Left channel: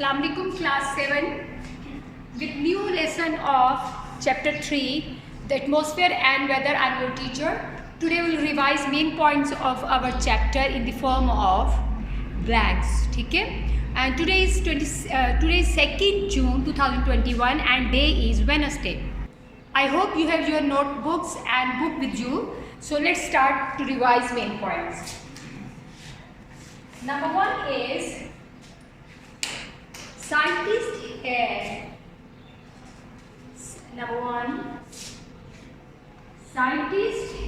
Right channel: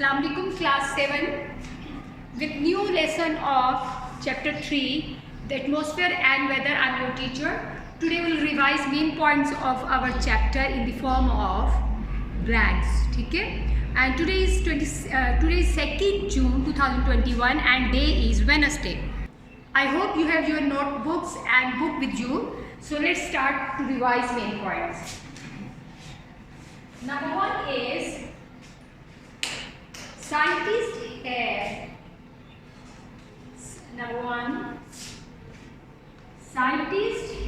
Assalamu alaikum class 7 with new lesson of chapter 3 the atmosphere and weather. I'm your teacher. Today we'll revise main points of our chapter in the form of blanks. ठीक है? And today is 2nd June 2021 and day is Wednesday. I hope you have your notebooks and book with you. So let's start to revise main points. Number 1 is scientists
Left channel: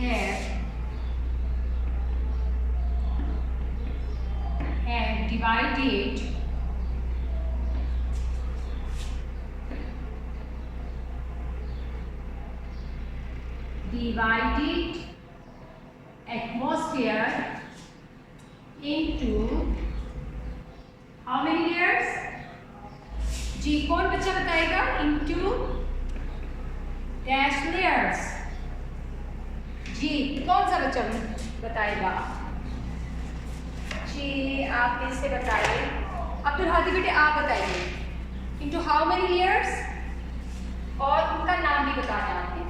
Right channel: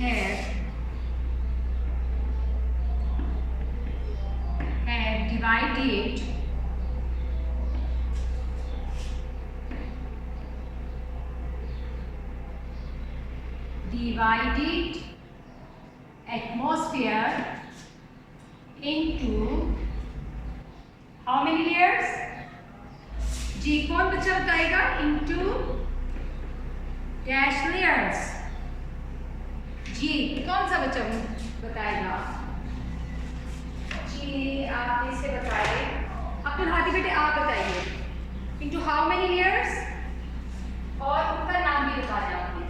have divided atmosphere into how many layers? जी कौन बच्चा बताएगा? into dash layers. जी कौन सा बच्चा बताएगा? जी आप इसे बताइए. अब्दुल हादी बेटे आप बताइए. into how many layers? और उनका नाम भी बताना आपने.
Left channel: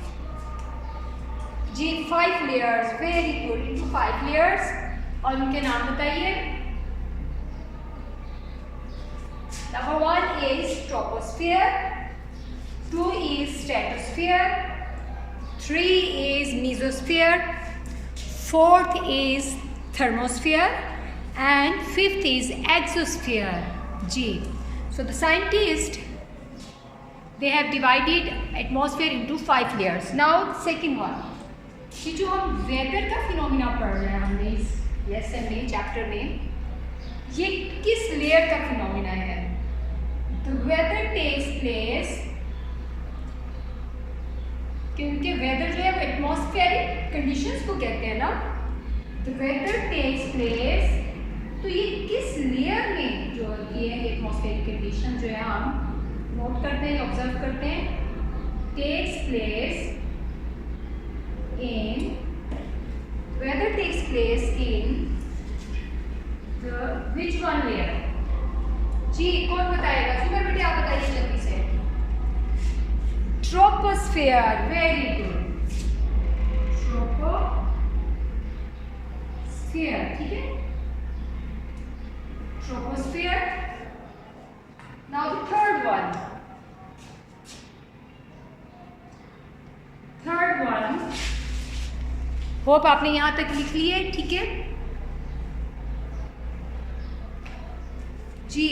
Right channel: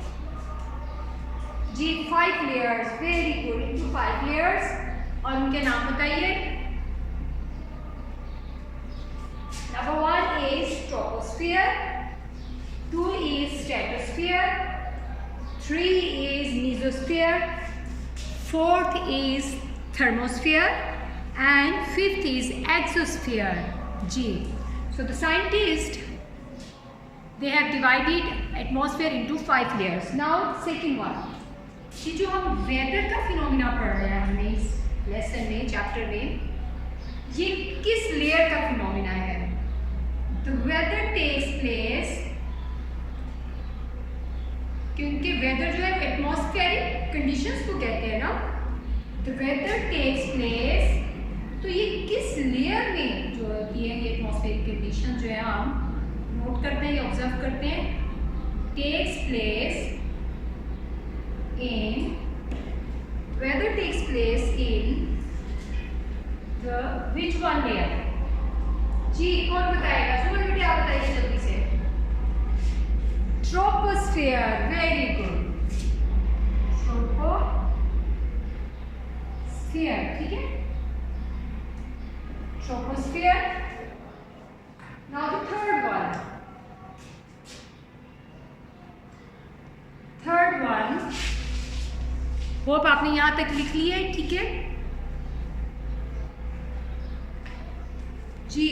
जी 5 layers. Very good. into 5 layers और उनके नाम बताइए. Number 1 is troposphere, 2 is stratosphere, 3 is mesosphere, 4th is thermosphere, and 5th is exosphere. G. So the scientists, they have divided atmosphere into 5 layers. Now second one. जी जो हम weather का phenomena पढ़ रहे हैं हमने इस लेसन में, चैप्टर में, ये किस लेयर का फिनोमिना है? The weather takes place, क्योंकि वेदर जो है वो एटमॉस्फेरिक कंडीशंस को कहते हैं ना. The weather takes place, तो ये किस लेयर में जो ये एटमॉस्फेरिक कंडीशन जो है हम नोट करते हैं या ऑब्जर्व करते हैं, takes place in, weather takes place in the which one layer? जी कौन बताएगा? सुमन बेटे आप बताइए जल्दी से. ट्रोपोस्फियर. Very good. ट्रोपोस्फियर. ठीक है. Troposphere. Now the third one. Hope आपने यहां तक लिख लिया है. ठीक है जी.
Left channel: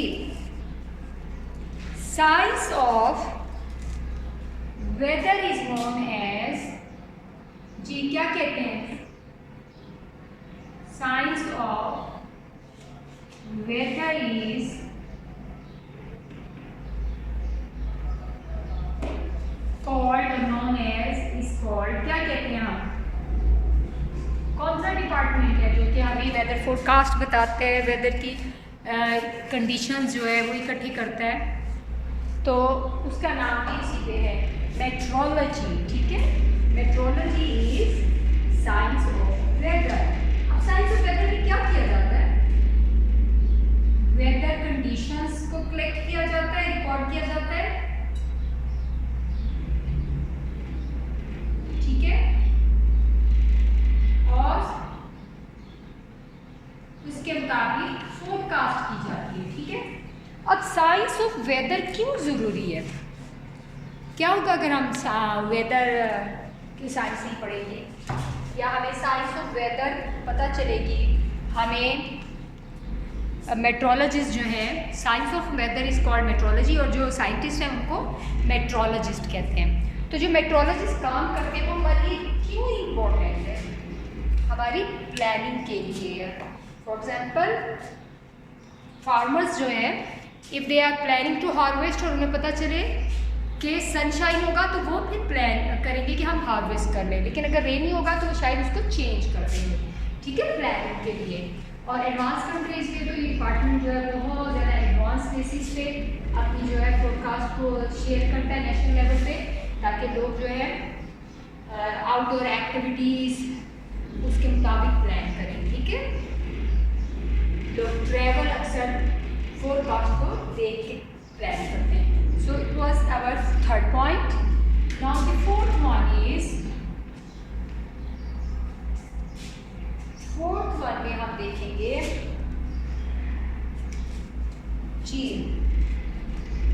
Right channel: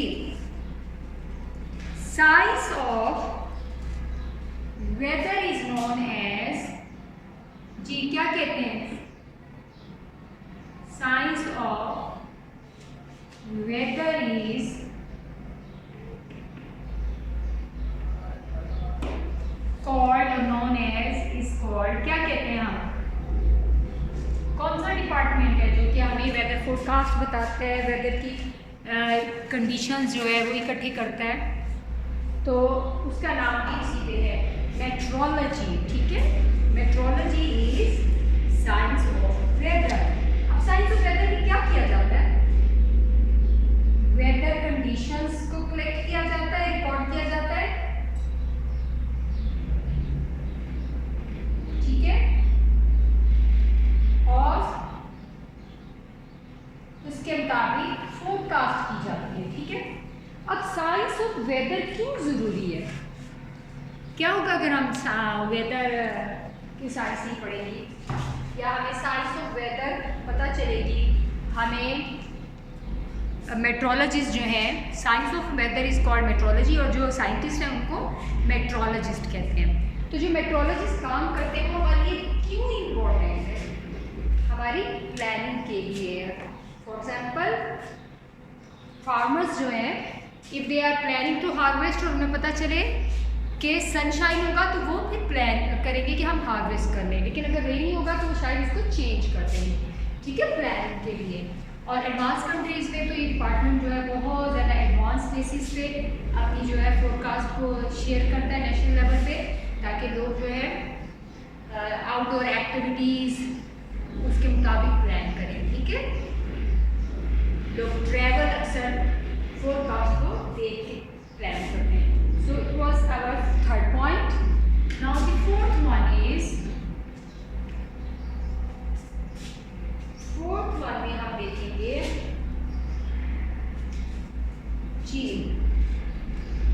Science of weather is known as, जी क्या कहते हैं? Science of weather is called or known as is called, क्या कहते हैं हम? कौन सा डिपार्टमेंट है जो कि हमें वेदर फोरकास्ट बताते हैं, वेदर की कंडीशंस जो है वो इकट्ठी करता है? तो उसका नाम भी सीधे है मेट्रोलॉजी. ठीक है. Meteorology is science of weather. अब साइंस ऑफ वेदर में क्या किया जाता है? वेदर कंडीशंस को कलेक्ट किया जाता है, रिकॉर्ड किया जाता है. ठीक है. और उसके मुताबिक फोरकास्ट की जाती है. ठीक है. अब साइंस ऑफ वेदर क्यों ज़रूरी है? क्या होगा अगर हम वेदर की साइंस नहीं पढ़ेंगे या हमें साइंस ऑफ वेदर पता चलेगी? हमें मेट्रोलॉजिस्ट जो हैं, science of weather is called meteorology, और जो साइंटिस्ट हैं उनको मेट्रोलॉजिस्ट कहते हैं. तो जो मेट्रोलॉजिस्ट काम करते हैं वो हमारे लिए क्यों इम्पोर्टेंट है? हमारी प्लानिंग के लिए. फॉर एग्जाम्पल फार्मर्स जो हैं, if they are planning to harvest और उन्हें पता चले कि सनशाइन होगा तो वो फिर प्लान करेंगे कि हम हार्वेस्ट कर लें, लेकिन अगर रेनी होगा तो वो शायद उसको चेंज कर देंगे. ठीक है. प्लानिंग के लिए. और एडवांस कंट्रीज़ में तो ये डिपार्टमेंट जो है बहुत ज़्यादा एडवांस बेसिस पे अपनी जो है फोरकास्ट को शेयर करता है नेशनल लेवल पे, ताकि लोग जो है आउटडोर एक्टिविटीज़ उसके मुताबिक प्लान करें. ठीक है. लोग ट्रैवल अक्सर फोरकास्ट को देख के प्लान करते हैं। So it was our third point. Now the fourth one में हम देखेंगे जी,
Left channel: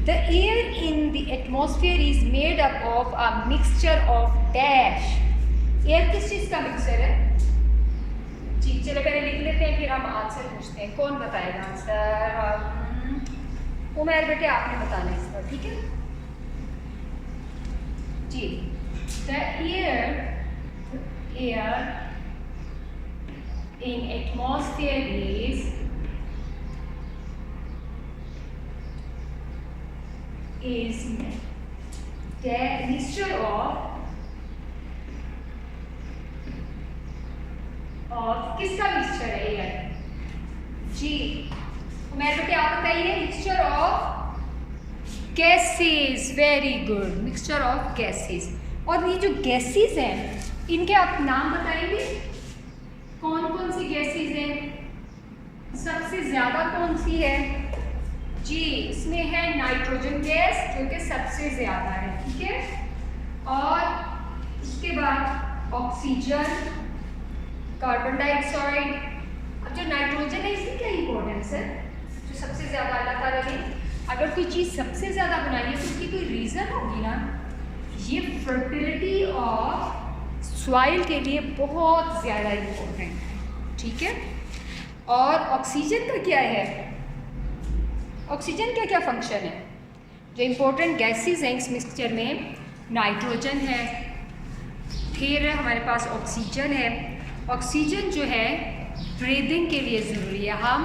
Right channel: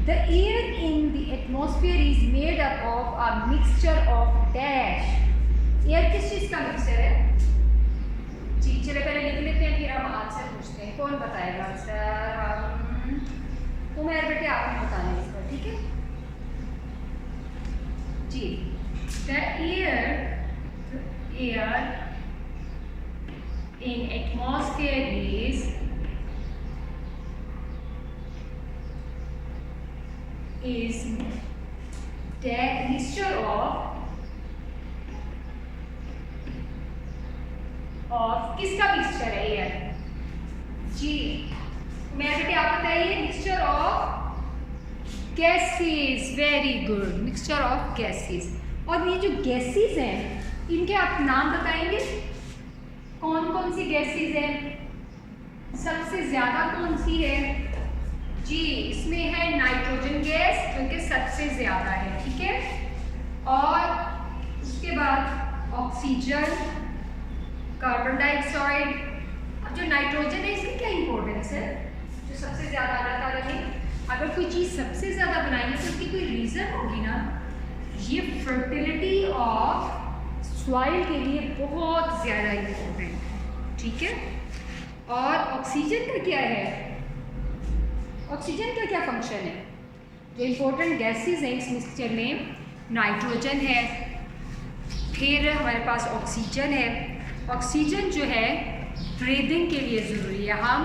the air in the atmosphere is made up of a mixture of dash. Air किस चीज का मिक्सचर है जी? चलो पहले लिख लेते हैं, फिर हम आंसर पूछते हैं। कौन बताएगा आंसर? उमर बेटे आपने बताना है इसका, ठीक है जी। The air in atmosphere is the mixture of किसका मिक्सचर है एयर जी? मेरे बेटे आप बताइए। Mixture of gases. Very good, mixture of gases. और ये जो गैसेस हैं इनके आप नाम बताएंगे, कौन कौन सी गैसेस हैं? सबसे ज़्यादा कौन सी है जी? इसमें है नाइट्रोजन गैस जो कि सबसे ज़्यादा है, ठीक है। और उसके बाद ऑक्सीजन, कार्बन डाइऑक्साइड। अब जो नाइट्रोजन है इसकी क्या इंपॉर्टेंस है? जो सबसे ज़्यादा अल्लाह ताला ने अगर कोई चीज़ सबसे ज़्यादा बनाई है तो उसकी कोई रीज़न होगी ना। ये फर्टिलिटी ऑफ सॉइल के लिए बहुत ज़्यादा इम्पोर्टेंट है, ठीक है। और ऑक्सीजन का क्या है? ऑक्सीजन का क्या फंक्शन है? जो इम्पोर्टेंट गैसेस हैं इस मिक्सचर में नाइट्रोजन है, फिर हमारे पास ऑक्सीजन है। ऑक्सीजन जो है ब्रीदिंग के लिए ज़रूरी है। हम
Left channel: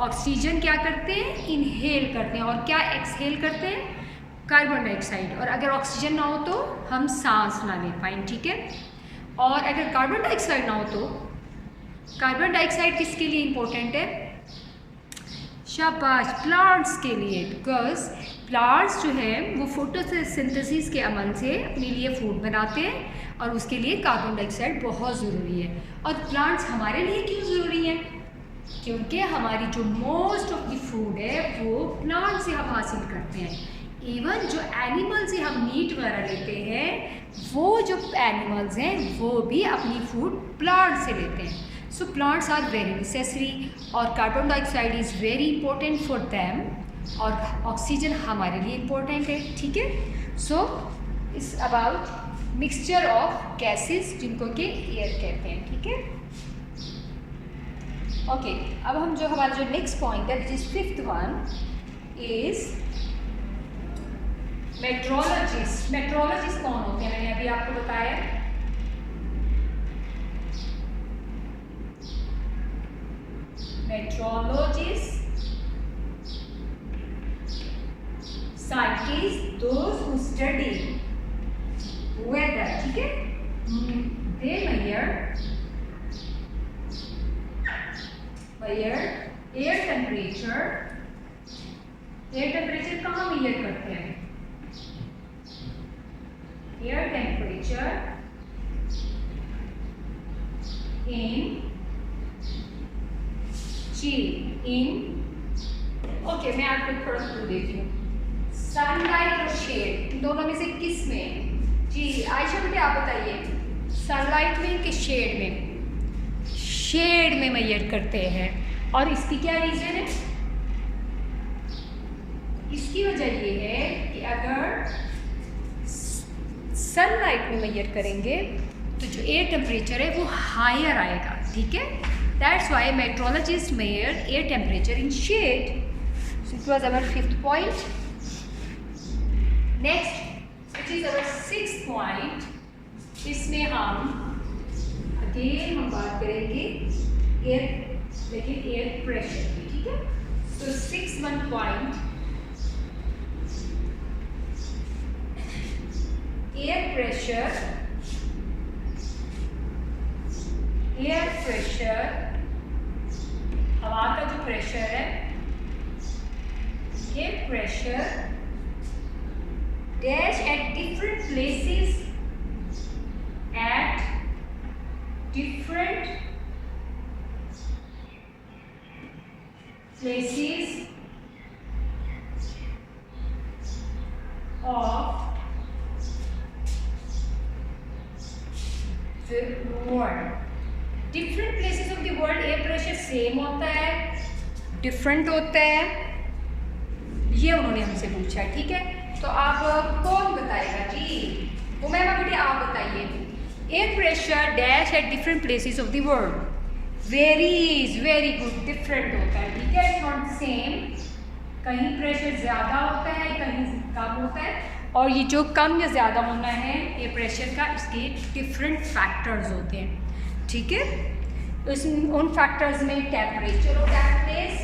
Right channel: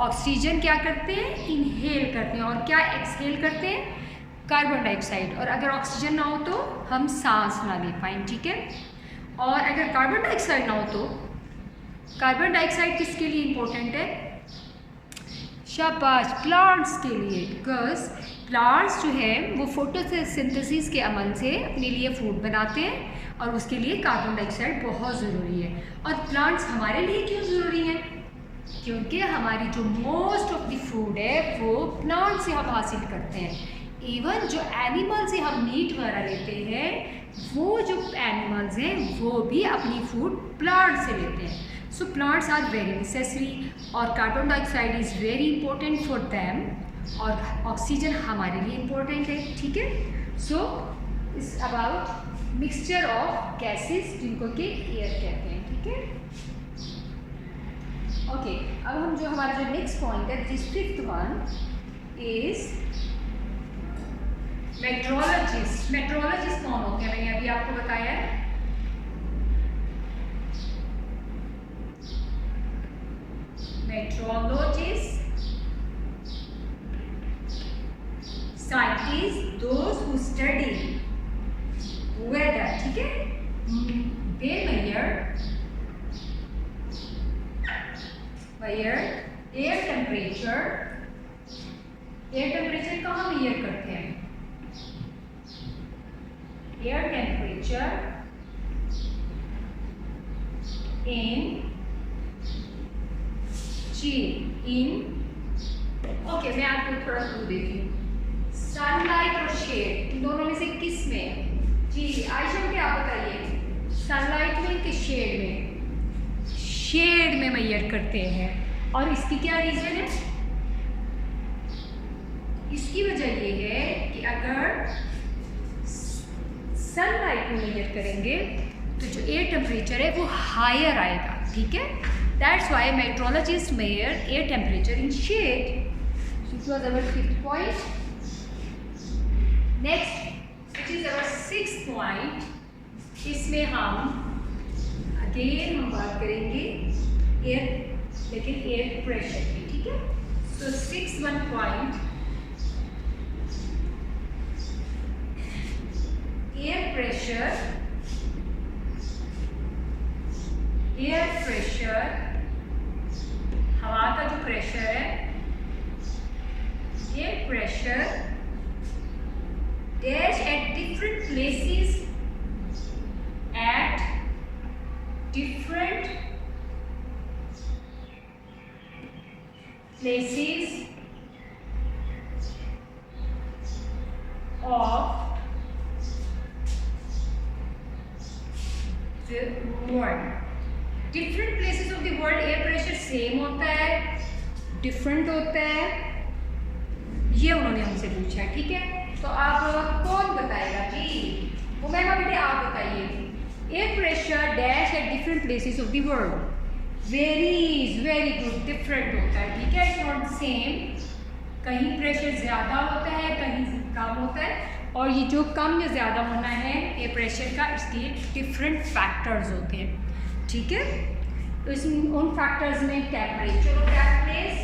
ऑक्सीजन क्या करते हैं? इनहेल करते हैं। और क्या एक्सहेल करते हैं? Carbon dioxide. और अगर ऑक्सीजन ना हो तो हम सांस ना ले पाएँ, ठीक है। और अगर कार्बन डाइऑक्साइड ना हो तो कार्बन डाइऑक्साइड किसके लिए इम्पोर्टेंट है? शाबाश, प्लांट्स के लिए। बिकॉज प्लांट्स जो है वो फोटोसिंथेसिस के अमल से अपने लिए फूड बनाते हैं और उसके लिए कार्बन डाइऑक्साइड बहुत ज़रूरी है। और प्लांट्स हमारे लिए क्यों ज़रूरी हैं? क्योंकि हमारी जो मोस्ट ऑफ द फूड है वो प्लांट से हम हासिल करते हैं। इवन जो एनिमल से हम मीट वगैरह लेते हैं वो जो एनिमल्स हैं वो भी अपनी फूड प्लांट से लेते हैं। So plants are very necessary और carbon dioxide is very important for them और ऑक्सीजन हमारे लिए इम्पोर्टेंट है, ठीक है। So it's about mixture of gases जिनको कि एयर कहते हैं, ठीक है। ओके, अब हम जो हमारा जो नेक्स्ट पॉइंट है this fifth one is meteorologist. Meteorologist कौन होते हैं? मैंने अभी आपको बताया है। Meteorologist scientist those who study weather, ठीक है। They measure air temperature. Air temperature कहाँ मेजर करते हैं? एयर टेम्परेचर इन ओके, मैं आपको थोड़ा क्लू देती हूँ। सनलाइट और शेड, इन दोनों में से किस में जी? आयशा बेटे आप बताइए, सनलाइट में कि शेड में? शेड में मेजर करते हैं। और इसकी क्या रीज़न है? इसकी वजह ये है कि अगर सनलाइट में मेजर करेंगे तो जो एयर टेम्परेचर है वो हायर आएगा, ठीक है। That's why meteorologist measure air temperature in shade. So it was our fifth point. Next which is our sixth point. इसमें हम अगेन हम बात करेंगे एयर, लेकिन एयर प्रेशर की, ठीक है। So six one point, air pressure हवा का जो प्रेशर है, air pressure dash at different places of world. Different places of the world air pressure same होता है, डिफरेंट होता है, ये उन्होंने हमसे पूछा। ठीक है, तो आप कौन बताएगा जी? वो मैं बेटे आप बताइए। Air pressure dash at different places of the world varies, very good, different होता है। ठीक है, इट्स नॉट सेम। कहीं प्रेशर ज़्यादा होता है, कहीं कम होता है, और ये जो कम या ज़्यादा होना है एयर प्रेशर का, इसके डिफरेंट फैक्टर्स होते हैं। ठीक है, तो इस उन फैक्टर्स में टेम्परेचर ऑफ दैट प्लेस,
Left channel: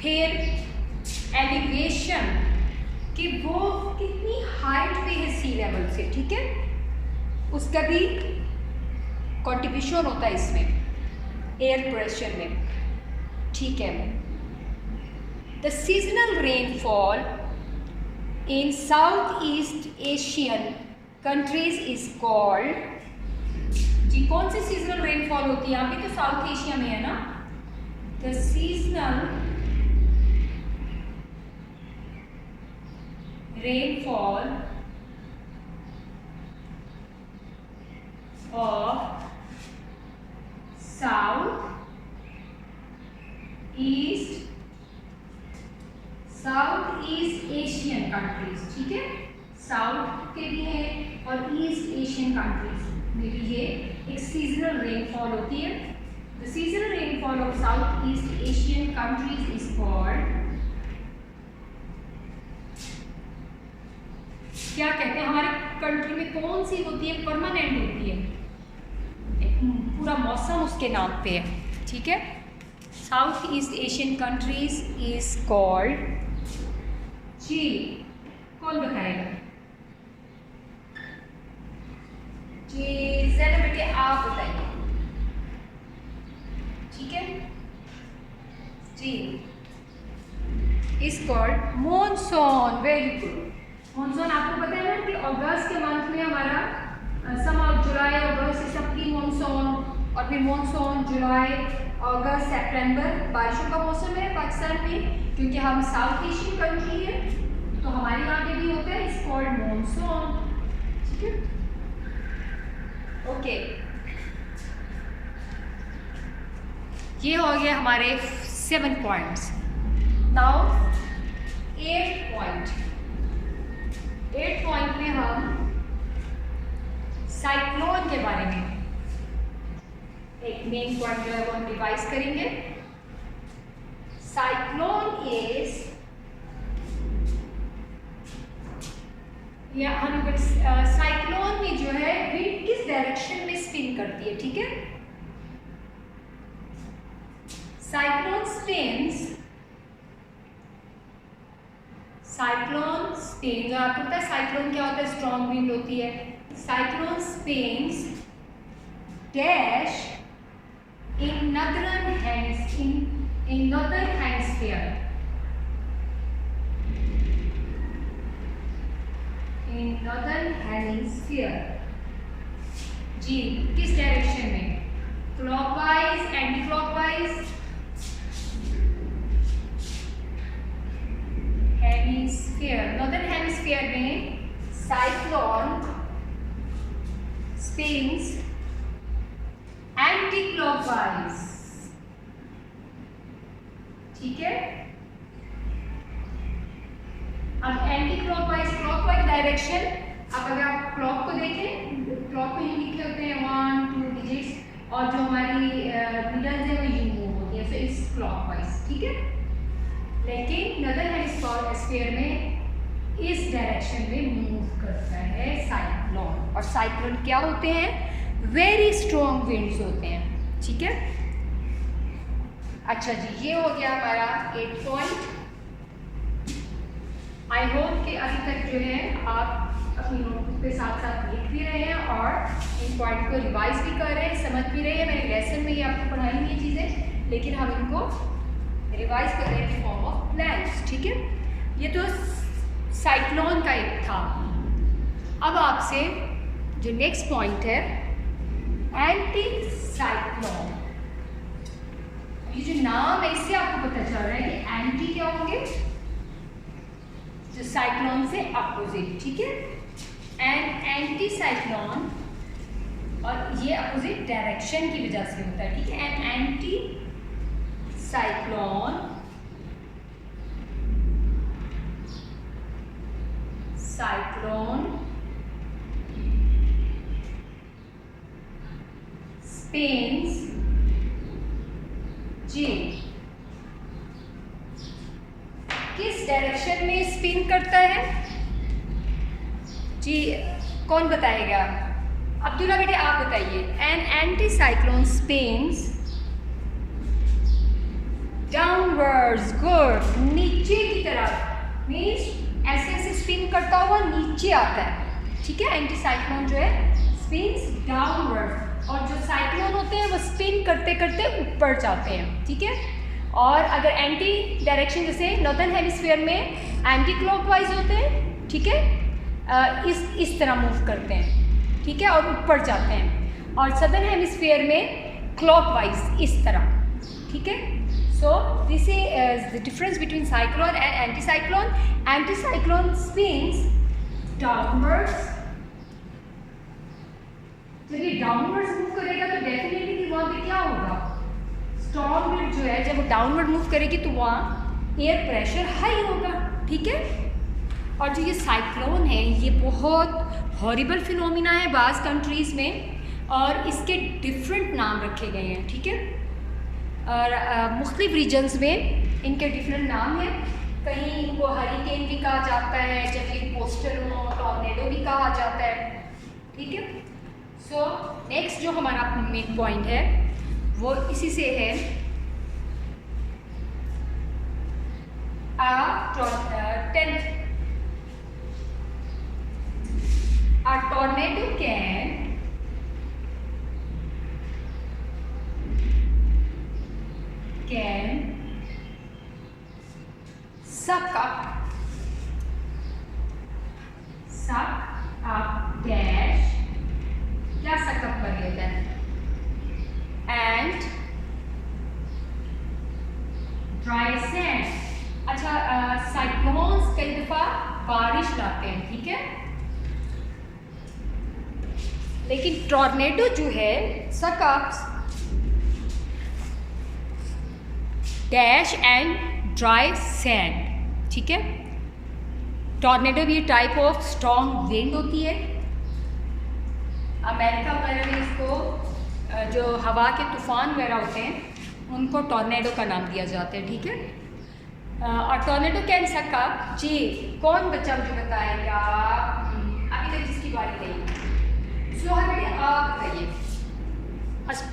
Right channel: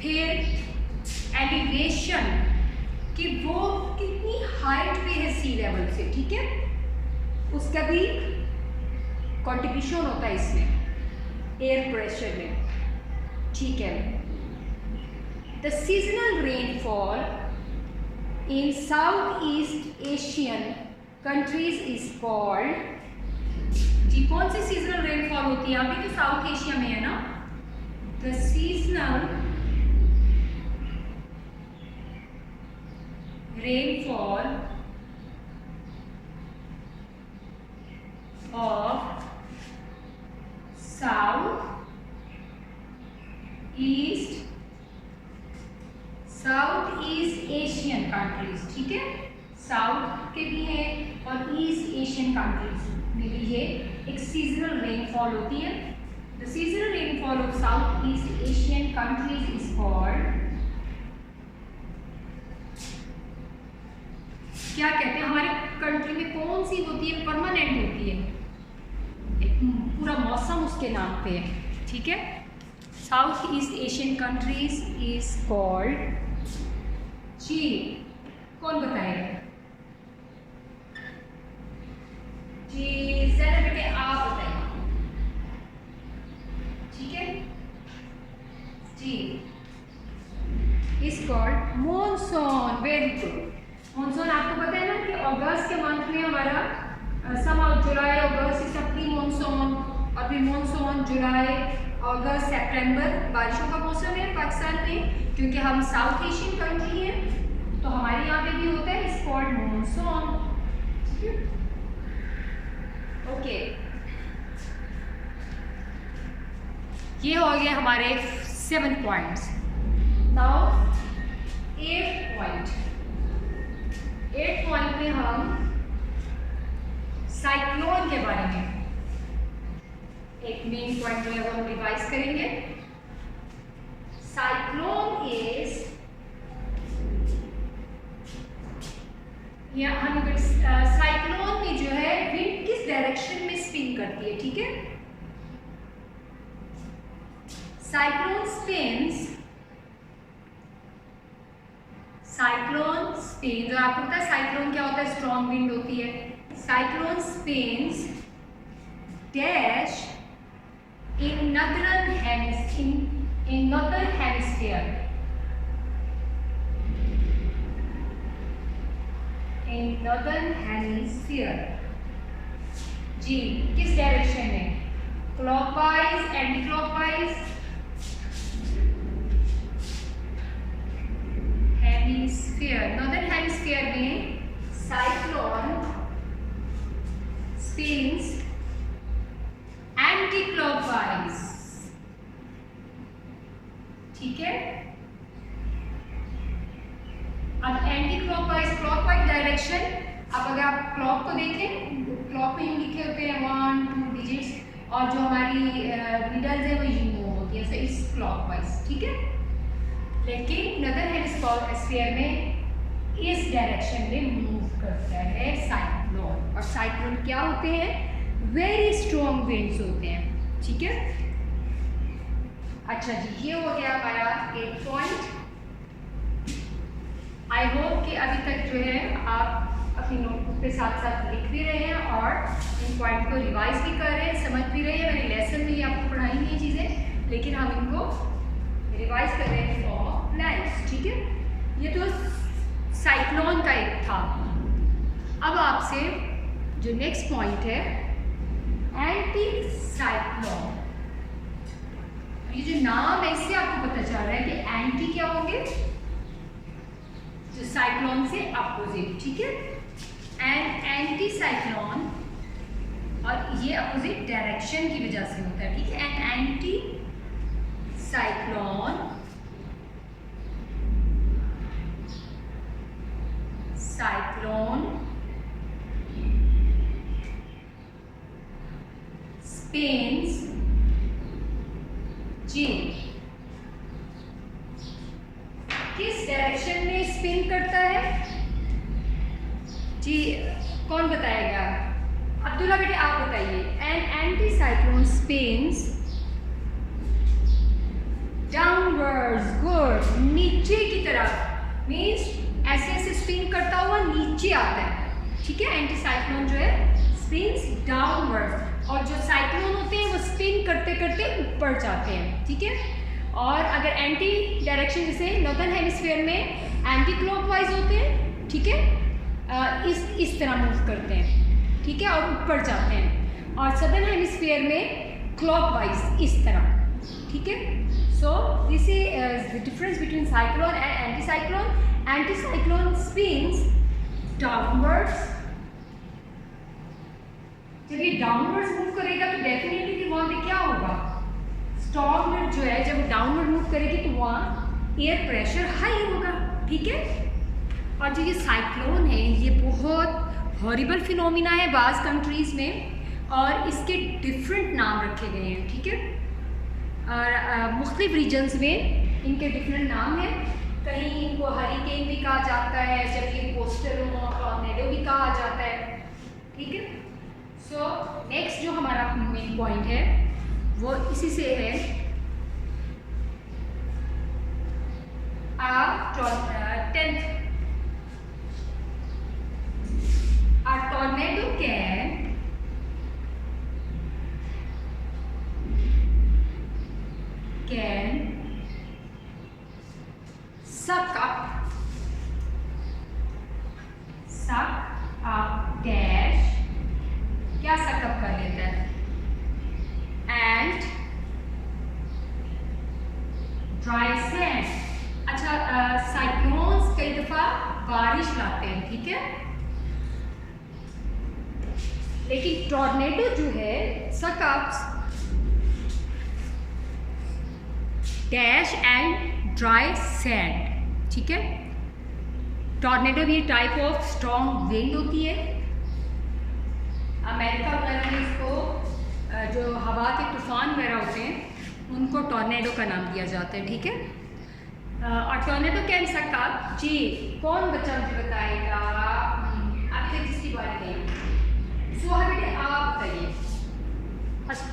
फिर एलिवेशन कि वो कितनी हाइट पे है सी लेवल से। ठीक है, उसका भी कंट्रीब्यूशन होता है इसमें एयर प्रेशर में। ठीक है, the seasonal rainfall in South East Asian countries is called, जी कौन सी सीजनल रेनफॉल होती है यहाँ पे? तो साउथ एशिया में है ना। The seasonal rainfall of south East Asian countries. ठीक है, साउथ के भी हैं और ईस्ट एशियन कंट्रीज में भी ये एक सीजनल रेनफॉल होती है। The seasonal rainfall of south East Asian countries is called, क्या कहते हैं? हमारे कंट्री में कौन सी होती है? परमानेंट होती है, एक पूरा मौसम उसके नाम पे है। ठीक है, South East Asian countries is called, जी कौन बताएगा? जी ज़रा बेटे आप बताइए। ठीक है जी, is called monsoon. Very good, monsoon आपको पता है ना कि अगस्त के मंथ में हमारा समर, जुलाई अगस्त इस प्री मॉनसून, और फिर मॉनसून जुलाई अगस्त सितंबर बारिशों का मौसम है पाकिस्तान में, क्योंकि हम साउथ एशियन कंट्री है तो हमारे यहाँ पे भी होता है, इज कॉल्ड मॉनसून। ठीक है, ओके, ये हो गया हमारे 7 पॉइंट्स। नाउ 8 पॉइंट में हम साइक्लोन के बारे में एक मेन पॉइंट जो है वो हम रिवाइज करेंगे। साइक्लोन इज, या हम साइक्लोन में जो है विंड किस डायरेक्शन में स्पिन करती है। ठीक है, साइक्लोन स्पिन्स, साइक्लोन स्पिन, जो आपको पता है साइक्लोन क्या होता है? स्ट्रॉन्ग विंड होती है। Cyclone spins dash in northern hemisphere, in northern hemisphere, जी किस डायरेक्शन में? Clockwise, anticlockwise, hemisphere. Northern hemisphere में साइक्लोन स्पिन्स एंटी क्लॉकवाइज। ठीक है, अब एंटी क्लॉकवाइज, क्लॉकवाइज डायरेक्शन, अब अगर आप क्लॉक को देखें, क्लॉक में यूँ लिखे होते हैं 1 2 डिजिट्स, और जो हमारी नीडल्स है वो यूँ मूव होती है, सो इट्स क्लॉकवाइज। ठीक है, लेकिन नॉर्दर्न हेमिस्फीयर में इस डायरेक्शन में मूव करता है साइक्लोन, और साइक्लोन क्या होते हैं? वेरी स्ट्रॉन्ग विंड्स होते हैं। ठीक है, अच्छा जी, ये हो गया हमारा 8 पॉइंट। आई होप कि अभी तक जो है आप अपनी नोटबुक पे साथ साथ लिख भी रहे हैं और इन पॉइंट को रिवाइज भी कर रहे हैं, समझ भी रहे हैं। मेरे लेसन में ही आपको पढ़ाई हुई चीज़ें, लेकिन हम इनको रिवाइज कर रहे हैं फॉर्म ऑफ प्लान्स। ठीक है, ये तो साइक्लोन का एक था। अब आपसे जो नेक्स्ट पॉइंट है एंटी साइक्लोन, ये जो नाम है इससे आपको पता चल रहा है कि एंटी क्या होंगे? जो साइक्लोन से अपोजिट, ठीक है। एंड एंटी साइक्लोन, और ये अपोजिट डायरेक्शन की वजह से होता है, ठीक है। एंड एंटी साइक्लोन spins जी किस डायरेक्शन में स्पिन करता है जी, कौन बताएगा? अब्दुल्ला बेटे आप बताइए। An anticyclone spins downwards, good, नीचे की तरफ, मीन्स ऐसे ऐसे स्पिन करता हुआ नीचे आता है, ठीक है। एंटी साइक्लोन जो है स्पिन्स डाउनवर्ड, और जो साइक्लोन होते हैं वो स्पिन करते करते ऊपर जाते हैं, ठीक है। और अगर एंटी डायरेक्शन, जैसे नॉर्दर्न हेमिस्फीयर में एंटी क्लॉकवाइज होते हैं, ठीक है, इस तरह मूव करते हैं, ठीक है, और ऊपर जाते हैं। और सदर्न हेमिस्फीयर में क्लॉकवाइज इस तरह, ठीक है। So this is the difference between cyclone and anticyclone. Anticyclone spins downwards, जब ये डाउनवर्ड्स मूव करेगा तो डेफिनेटली वहाँ पे क्या होगा, स्टॉर्म विंड जो है जब वो डाउनवर्ड मूव करेगी तो वहाँ एयर प्रेशर हाई होगा, ठीक है। और जो ये साइक्लोन है ये बहुत हॉरिबल फिनोमिना है बाज़ कंट्रीज़ में, और इसके डिफरेंट नाम रखे गए हैं, ठीक है। और मुख्तलिफ रीजन्स में इनके डिफरेंट नाम हैं। कहीं इनको हरिकेन भी कहा जाता है, जब ये कोस्टल टॉर्नेडो भी कहा जाता है, ठीक है। सो नेक्स्ट जो हमारा मेन पॉइंट है वो इसी से है, a tornado can suck up dash, क्या suck up कर लेता है, and dry sand। अच्छा, साइक्लोन्स कई दफ़ा बारिश लाते हैं, ठीक है, लेकिन टॉर्नेडो जो है suck ups dash and dry sand, ठीक है। टॉर्नेडो भी टाइप ऑफ स्ट्रॉन्ग विंड होती है। अमेरिका वगैरह में इसको जो हवा के तूफान वगैरह होते हैं उनको टॉर्नेडो का नाम दिया जाता है, ठीक है। और टॉर्नेडो कैन सक अप जी, कौन बच्चा मुझे बताएगा अभी तक जिसकी बात नहीं, सो हमें आप बताइए।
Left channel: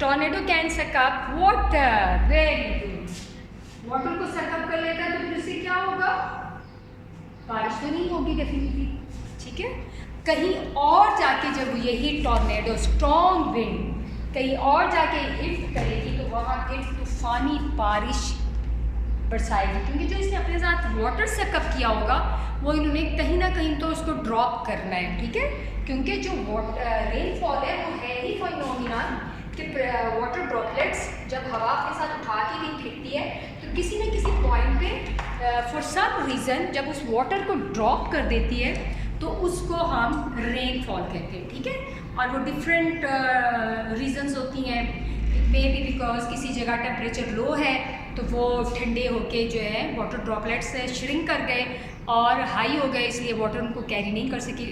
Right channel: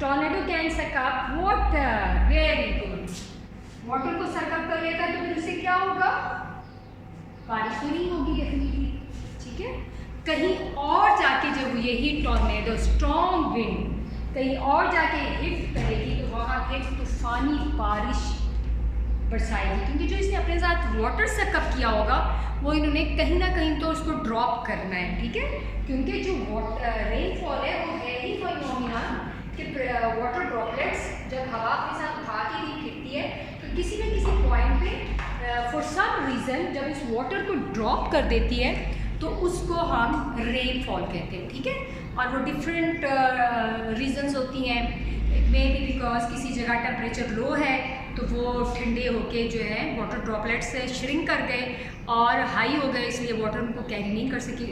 Tornado can suck up water, very good, water को सकअप कर लेता है तो फिर उससे क्या होगा, बारिश तो नहीं होगी डेफिनेटली, ठीक है। कहीं और जाके जब यही टॉर्नेडो स्ट्रॉन्ग विंड कहीं और जाके हिट करेगी तो वहाँ पे तूफानी बारिश बरसाएगी, क्योंकि जो इसने अपने साथ वाटर सकअप किया होगा वो इन्होंने कहीं ना कहीं तो उसको ड्रॉप करना है, ठीक है। क्योंकि जो रेनफॉल है वो है ही फिनोमिना कि वाटर ड्रॉपलेट्स जब हवा के साथ उठा के भी गिरती है तो किसी न किसी पॉइंट पे फॉर सम रीज़न जब उस वाटर को ड्रॉप कर देती है तो उसको हम रेनफॉल कहते हैं, ठीक है। और वो डिफरेंट रीजंस होती हैं, इट मे बी बिकॉज किसी जगह टेम्परेचर लो है तो वो ठंडे होके जो है वाटर ड्रॉपलेट्स श्रिंक कर गए और हाई हो गए, इसलिए वाटर उनको कैरी नहीं कर सकी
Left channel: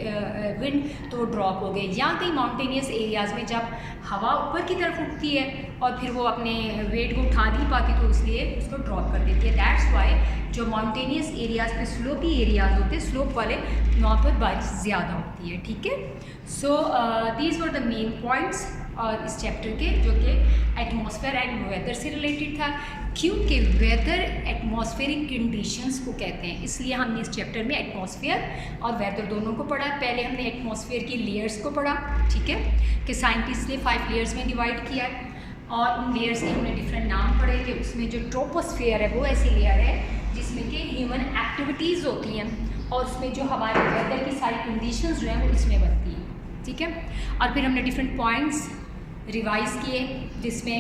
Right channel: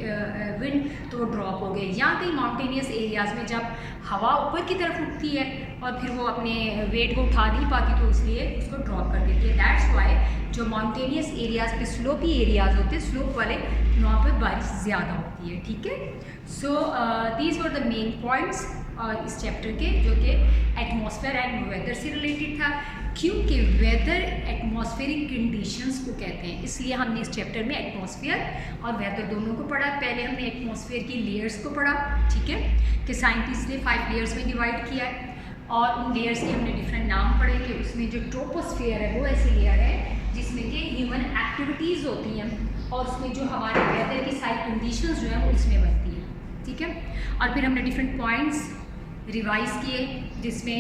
विंड, तो वो ड्रॉप हो गए। या कहीं माउंटेनियस एरियाज़ में जब हवा ऊपर की तरफ उठती है और फिर वो अपने वेट को उठा नहीं पाती तो इसलिए उसको ड्रॉप कर देती है। दैट्स वाई जो माउंटेनियस एरियाज़ पे स्लोपी एरियाज़ होते हैं, स्लोप वाले, वहाँ पर बारिश ज़्यादा होती है, ठीक है। So these were the main points और इस चैप्टर के, जो कि एटमॉस्फेयर एंड वेदर से रिलेटेड था, क्योंकि वेदर एटमॉस्फेरिक कंडीशंस को कहते हैं, इसलिए हमने इस चैप्टर में एटमॉस्फेयर और वेदर दोनों को पढ़ा। पहले हमने एटमॉस्फेयर की लेयर्स को पढ़ा, ठीक है, कि साइंटिस्ट ने 5 लेयर्स में डिवाइड किया है और उन लेयर्स के हमने डिफरेंट नाम पढ़े थे। उसमें जो ट्रोपोस्फेयर है वो ऐसी लेयर है जिसमें कि ह्यूमन एक्टिविटीज़ होती हैं और उसमें जो हमारे वेदर की सारी कंडीशंस जो हैं वो इसमें बनती हैं, ठीक है। और फिर हमने डिफरेंट पॉइंट्स रिवाइज किए जिसमें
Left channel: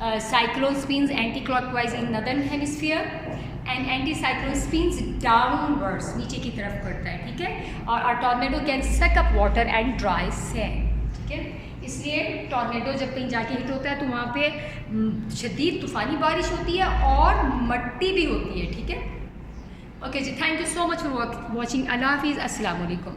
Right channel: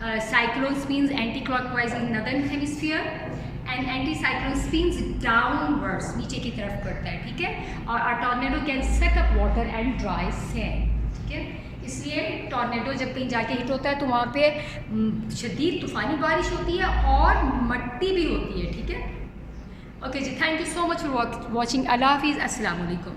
cyclone spins anticlockwise in northern hemisphere and anticyclone spins downwards, नीचे की तरफ करता है, ठीक है। और a tornado can suck up water and dry sand, ठीक है। इसलिए टॉर्नेडो जब कहीं जाके हिट होता है तो वहाँ पे शदीद तूफ़ानी बारिश होती है और मट्टी भी होती है, ठीक है। ओके जी, thank you so much for watching. अल्लाह हाफिज़, अस्सलाम वालेकुम।